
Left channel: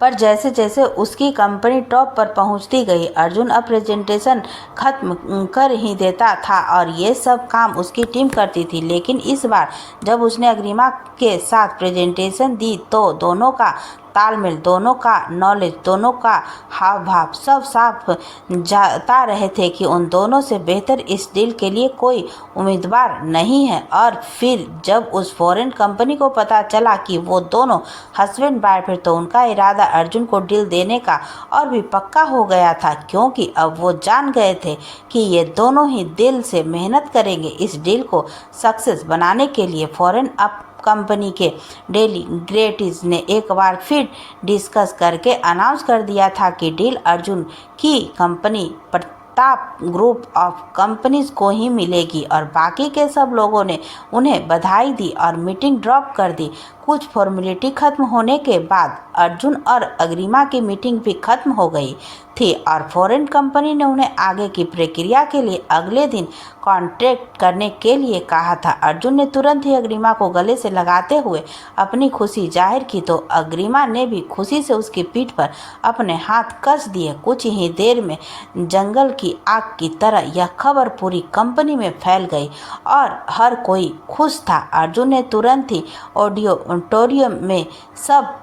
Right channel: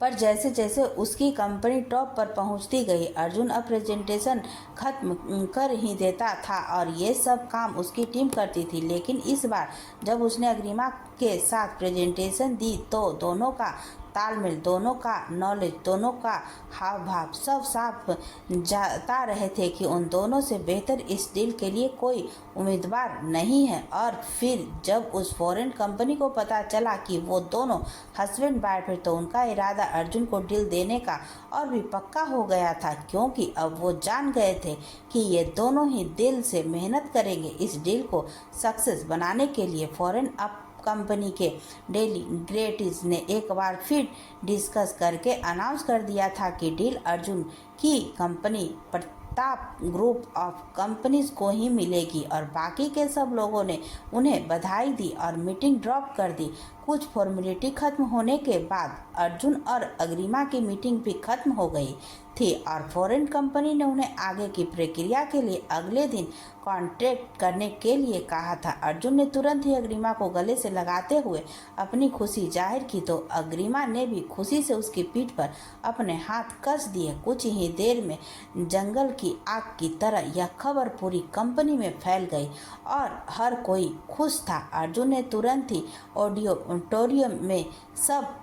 पर जैसे जैसे उसकी कंपनी टॉप पर पहुंचती गई अर्जुन अब प्रेजेंटेशन खत्म कर ही देता था और ये सब काम उसकी टीम करती थी। लेकिन इस बार जब उसने अग्रिमा के साथ प्रेजेंटेशन दी तो दोनों का तालमेल, दोनों का नॉलेज, दोनों का हाव भाव सब साफ जाता रहे थे कि उन दोनों से बेहतर इस डील के लिए कोई उम्मीदवार नहीं है। और फिर जब उस फॉरेन कंपनी को पता चला कि वो दोनों हस्बैंड वाइफ है तो उनका इरादा अर्जुन को डील देने का और भी पक्का हो गया था, क्योंकि अब वो जान गए थे कि ये दोनों ही दिल से मेहनत करेंगे इस डील को सक्सेस बनाने के लिए। फॉरेन कंपनी के डेलीग्रेट्स ने एक बार फिर डिस्कस करके अनाउंस कर दिया था कि डील अर्जुन की company Pratap group of companies को ही मिलेगी और बाकी के सब लोगों ने उन्हें बधाई दी और मीटिंग ड्रॉप कर दी। कुछ फॉर्मेलिटी खत्म होने के बाद अर्जुन और अग्रिमा की मीटिंग भी खत्म हो गई थी और फॉरेन कंपनी ने उन्हें आगे की प्रक्रिया के लिए अगले दिन कॉन्टैक्ट करने के लिए कहा था। अर्जुन ने तुरंत ही अग्रिमा को गले से लगाते हुए अपनी खुशी जाहिर की तो अग्रिमा ने भी खुशी से उसकी पीठ पर अपने हाथ कस दिए। कुछ ही देर में जंगल की आग की तरह यह खबर पूरी कंपनी में फैल गई और हर कोई खुश था। अर्जुन ने तुरंत ही ऑडिटोरियम में सब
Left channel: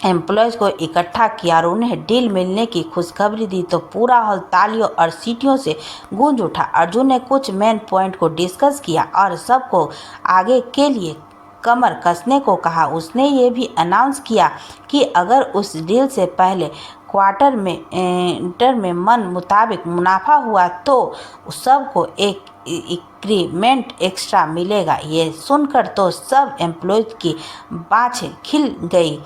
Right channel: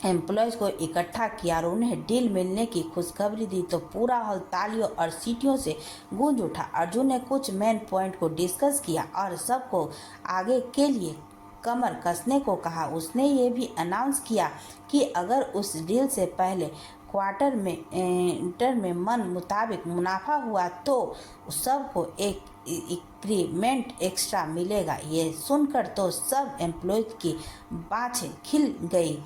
एम्प्लॉयज़ को इकट्ठा किया और उन्हें डील मिलने की खुशखबरी दी तो पूरा हॉल तालियों और सीटियों से गूंज उठा। अर्जुन ने कुछ मेन पॉइंट को डिस्कस किया और सबको आगे के लिए कमर कसने को कहा। उसने ये भी अनाउंस किया कि अगर उस डील से पहले क्वार्टर में मन मुताबिक मुनाफा हुआ तो सबको एक इंक्रीमेंट एक्स्ट्रा मिलेगा। ये सुनकर तो सब एम्प्लॉयज की बाछें खिल गई।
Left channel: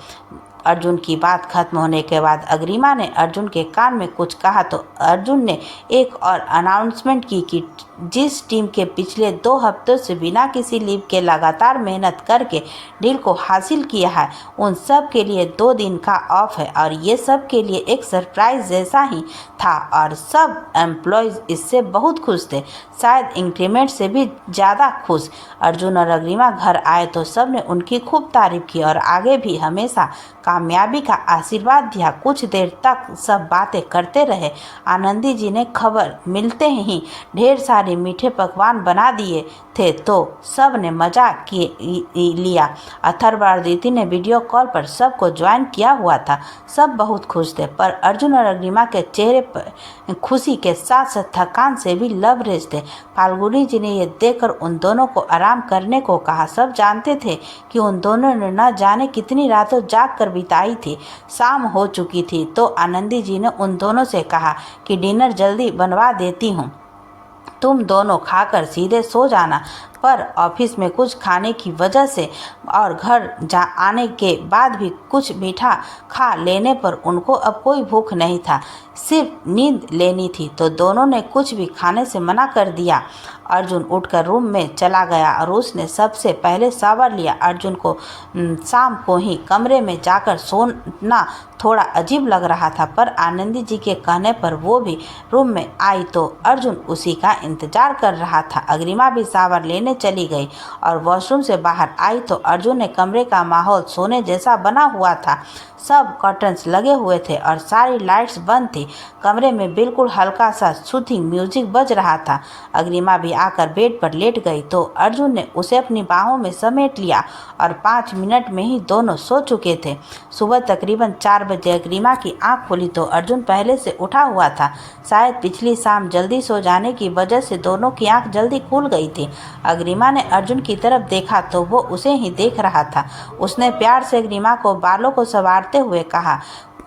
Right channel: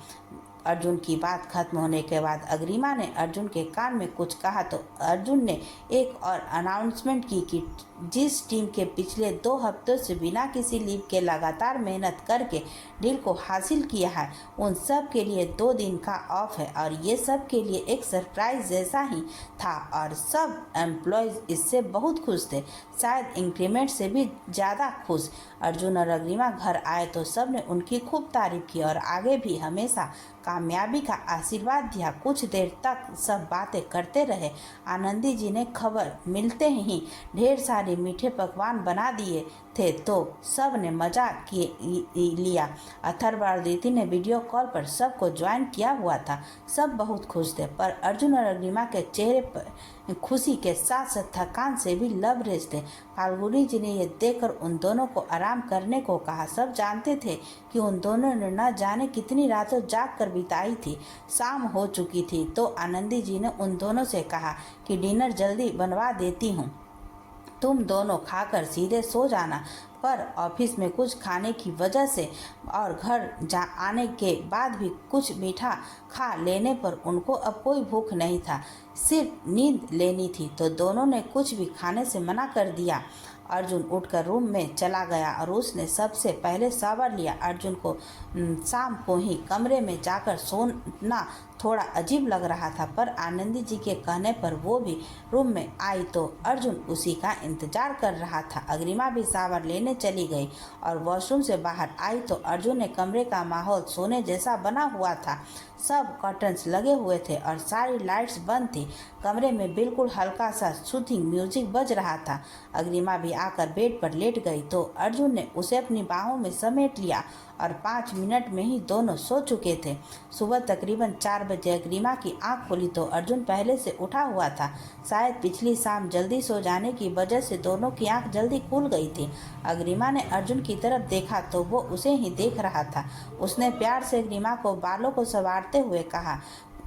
अर्जुन की बात खत्म होने के बाद अग्रिमा ने अर्जुन के कान में कुछ कहा तो अर्जुन ने एक और अनाउंसमेंट की कि जिस टीम के पिछले 2 हफ्तों से बिना किसी लीव के लगातार मेहनत करके डील को हासिल किया है, उन सब के लिए 2 दिन का ऑफ है और ये सब के लिए एक सरप्राइज जैसा ही था और सब एम्प्लॉयज़ इससे बहुत खुश थे, शायद इंक्रीमेंट से भी ज़्यादा खुश। अर्जुन और अग्रिमा घर आए तो सब ने उनकी खूब तारीफ की और आगे भी हमेशा कामयाबी का आशीर्वाद दिया। कुछ देर तक सब बातें करते रहे। आनंदी जी ने खबर मिलते ही ढेर सारे मीठे पकवान बना दिए थे तो सब ने मजा लिया। अथर्व और अदिति ने वीडियो कॉल पर सबको ज्वाइन किया हुआ था। सब बहुत खुश थे पर अर्जुन और अग्निमा के चेहरे पर खुशी के साथ साथ थकान से भी लबरेज थे। फाल्गुनी जी ने यह देखकर उन दोनों को आराम करने को कहा। सब जानते थे कि उन दोनों ने न जाने कितनी रातों जाग कर बिताई थी। शाम हो चुकी थी तो आनंदी जी ने उन दोनों से कहा कि डिनर जल्दी बनवा देती हूँ, तुम दोनों खाकर सीधे सो जाना। पर ऑफिस में कुछ खाने की वजह से और घर आने के बाद भी कुछ मीठा खा लेने पर उनको अब कोई भूख नहीं था, सिर्फ नींद लेनी थी तो दोनों ने कुछ भी खाने से मना कर दिया। अर्जुन उठकर रूम में चला गया और उसने सबसे पहले शावर लिया। अर्जुन को शाम को ही कमरे में जाकर सोना थोड़ा अजीब लग रहा था पर आनंदी जी के कहने पर वो भी रूम में आई तो अर्जुन उसी का इंतजार कर रहा था। अग्रिमा भी शावर लेने चली गई और वॉशरूम से बाहर आई तो अर्जुन ने कमरे का माहौल सोने जैसा बना हुआ था। सब कर्टन्स लगे हुए थे और सारी लाइट्स बंद थी। कमरे में बिल्कुल हल्का सा सूथिंग म्यूजिक बज रहा था। अग्रिमा भी आकर बेड पर लेट गई तो अर्जुन ने उसे अपनी बाहों में समेट लिया और 5 मिनट में ही दोनों सो चुके थे। सुबह तकरीबन 4 बजे अग्रिमा की आंख खुली तो अर्जुन पहले से उठा हुआ था। शायद पिछली शाम जल्दी सो जाने की वजह से दोनों की आंख जल्दी खुल गई थी। अग्रिमा ने अर्जुन की तरफ देखा तो वो उसे ही देख रहा था। उसने प्यार से अग्रिमा को बालों को संवारते हुए कहा,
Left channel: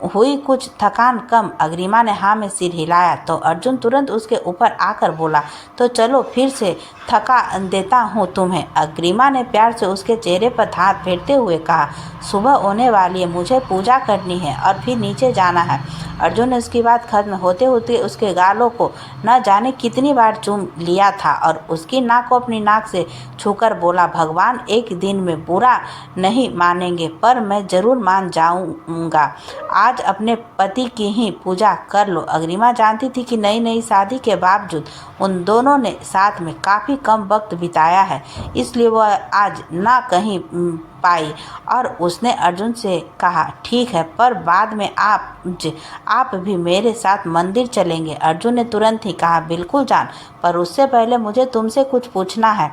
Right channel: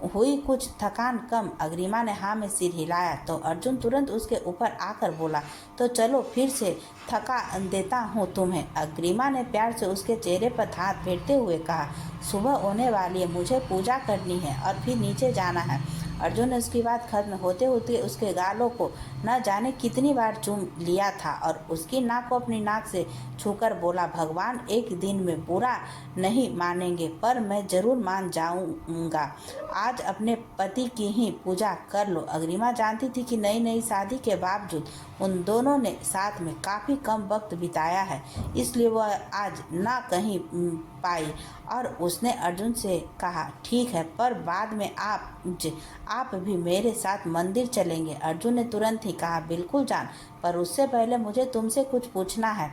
हुई कुछ थकान कम? अग्रिमा ने हाँ में सिर हिलाया तो अर्जुन तुरंत उसके ऊपर आकर बोला, तो चलो फिर से थका देता हूँ तुम्हें। अग्रिमा ने प्यार से उसके चेहरे पर हाथ फेरते हुए कहा, सुबह होने वाली है, मुझे पूजा करनी है और फिर नीचे जाना है। अर्जुन ने उसकी बात खत्म होते होते उसके गालों को न जाने कितनी बार चूम लिया था और उसकी नाक को अपनी नाक से छूकर बोला, भगवान एक दिन में बुरा नहीं मानेंगे पर मैं ज़रूर मान जाऊंगा। आज अपने पति की ही पूजा कर लो। अग्रिमा जानती थी कि नई नई शादी के बावजूद उन दोनों ने साथ में काफ़ी कम वक्त बिताया है, इसलिए वह आज ना कहीं पाई और उसने अर्जुन से कहा, ठीक है पर बाद में आप भी मेरे साथ मंदिर चलेंगे। अर्जुन ने तुरंत ही कहा, बिल्कुल जान, पर उससे पहले मुझे तुमसे कुछ पूछना है।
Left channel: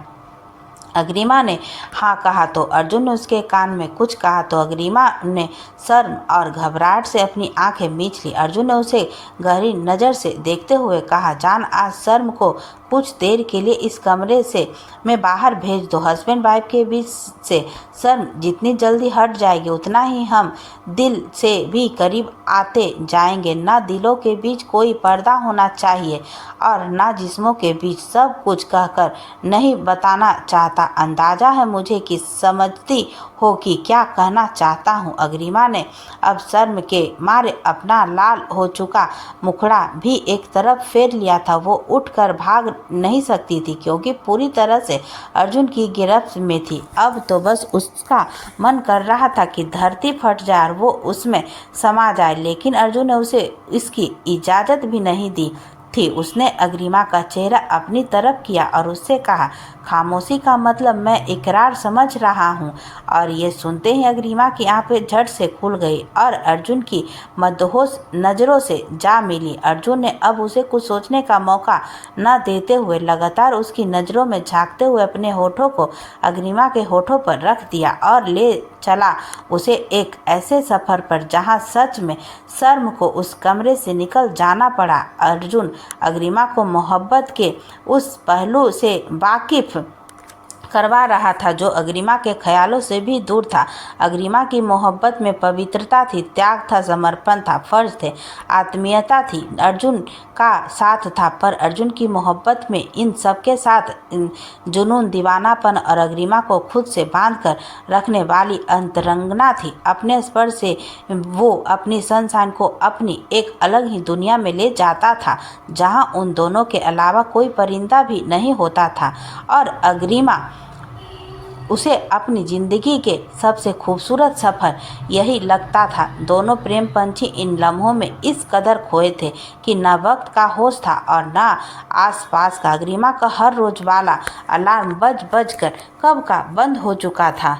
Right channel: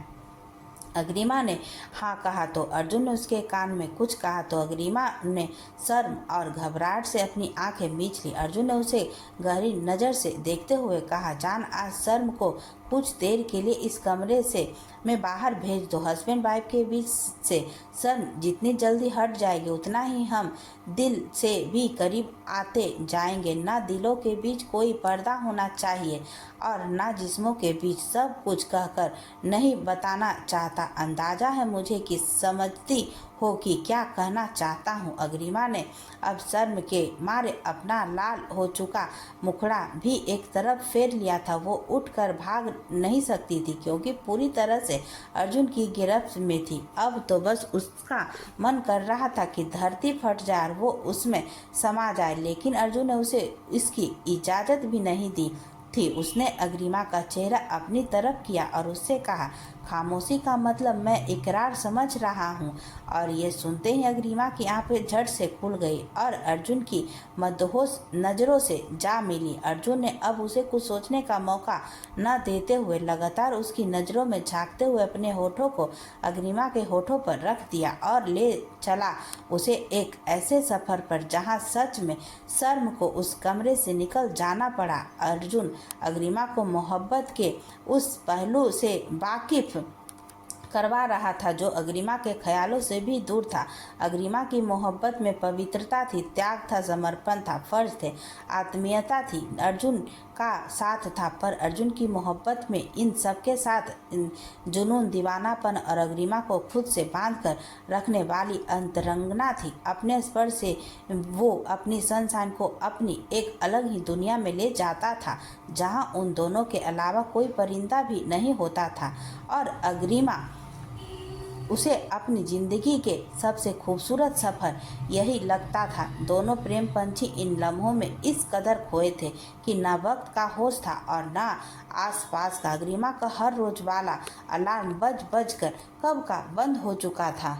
अग्रिमा ने हाँ कहा तो अर्जुन ने उसके कान में कुछ कहा तो अग्रिमा ने शर्म और घबराहट से अपनी आंखें मींच ली। अर्जुन ने उसे गहरी नज़र से देखते हुए कहा, जान आज शर्म को कुछ देर के लिए इस कमरे से मैं बाहर भेज दो। हस्बैंड वाइफ के बीच से शर्म जितनी जल्दी हट जाएगी उतना ही हम दिल से भी करीब आते जाएंगे। ना दिलों के बीच कोई पर्दा होना चाहिए और ना जिस्मों के बीच। सब कुछ कहकर नहीं बताना चाहता, अंदाज़ा है मुझे कि समझती हो कि क्या कहना चाहता हूँ। अग्रिमा ने अब शर्म के मारे अपना लाल हो चुका मुखड़ा भी एक तरफ फेर लिया था। वो उठकर भाग नहीं सकती थी क्योंकि पूरी तरह से अर्जुन की गिरफ्त में थी। अब तो बस उसका मन कर रहा था कि धरती फट जाए और वो उसमें समा जाए, लेकिन अर्जुन ने उसे इसकी इजाज़त भी नहीं दी थी। उसने अग्रिमा का चेहरा अपनी तरफ किया और उससे कहा, खामोशी का मतलब मैं इकरार समझ रहा हूँ। और ये सुनते ही अग्रिमा की आंखें झट से खुल गई और अर्जुन की मदहोश नज़रों से जा मिली। अर्जुन ने अब उसे कुछ सोचने का मौका न देते हुए लगातार उसकी नज़रों में झांकते हुए अपने होठों को अग्रिमा के होठों पर रख दिया और ले चला उसे एक ऐसे सफ़र पर जहाँ सच में शर्म को उस कमरे से निकल जाना पड़ा। अर्जुन अग्रिमा को मोहब्बत के उस पहलू से वाकिफ करवा रहा था, जो अग्रिमा के ख्यालों से भी दूर था। अग्रिमा की मोहब्बत में पवित्रता थी, त्याग था, समर्पण था, फर्ज थे, आत्मीयता थी, अर्जुन का साथ था। पर अर्जुन की मोहब्बत में इन सबके साथ जुनून, दीवानापन और अग्रिमा को खुद से बांध कर रखने वाली अंतरंगना थी। अपने स्पर्श से वो अपनी सनशाइन को अपनी एक अलग ही दुनिया में ले जाता था, जहां उन दोनों के अलावा कोई परिंदा भी नहीं होता था। और अग्रिमा उसे अपनी जिंदगी के सबसे खूबसूरत सफ़र यही लगता था। दोनों प्रेम पंछी इन लम्हों में इस कदर खोए थे कि न वक्त का होश था और न आसपास का। अग्रिमा का हर रोज वाला अलार्म बज बज कर कब का बंद हो चुका था।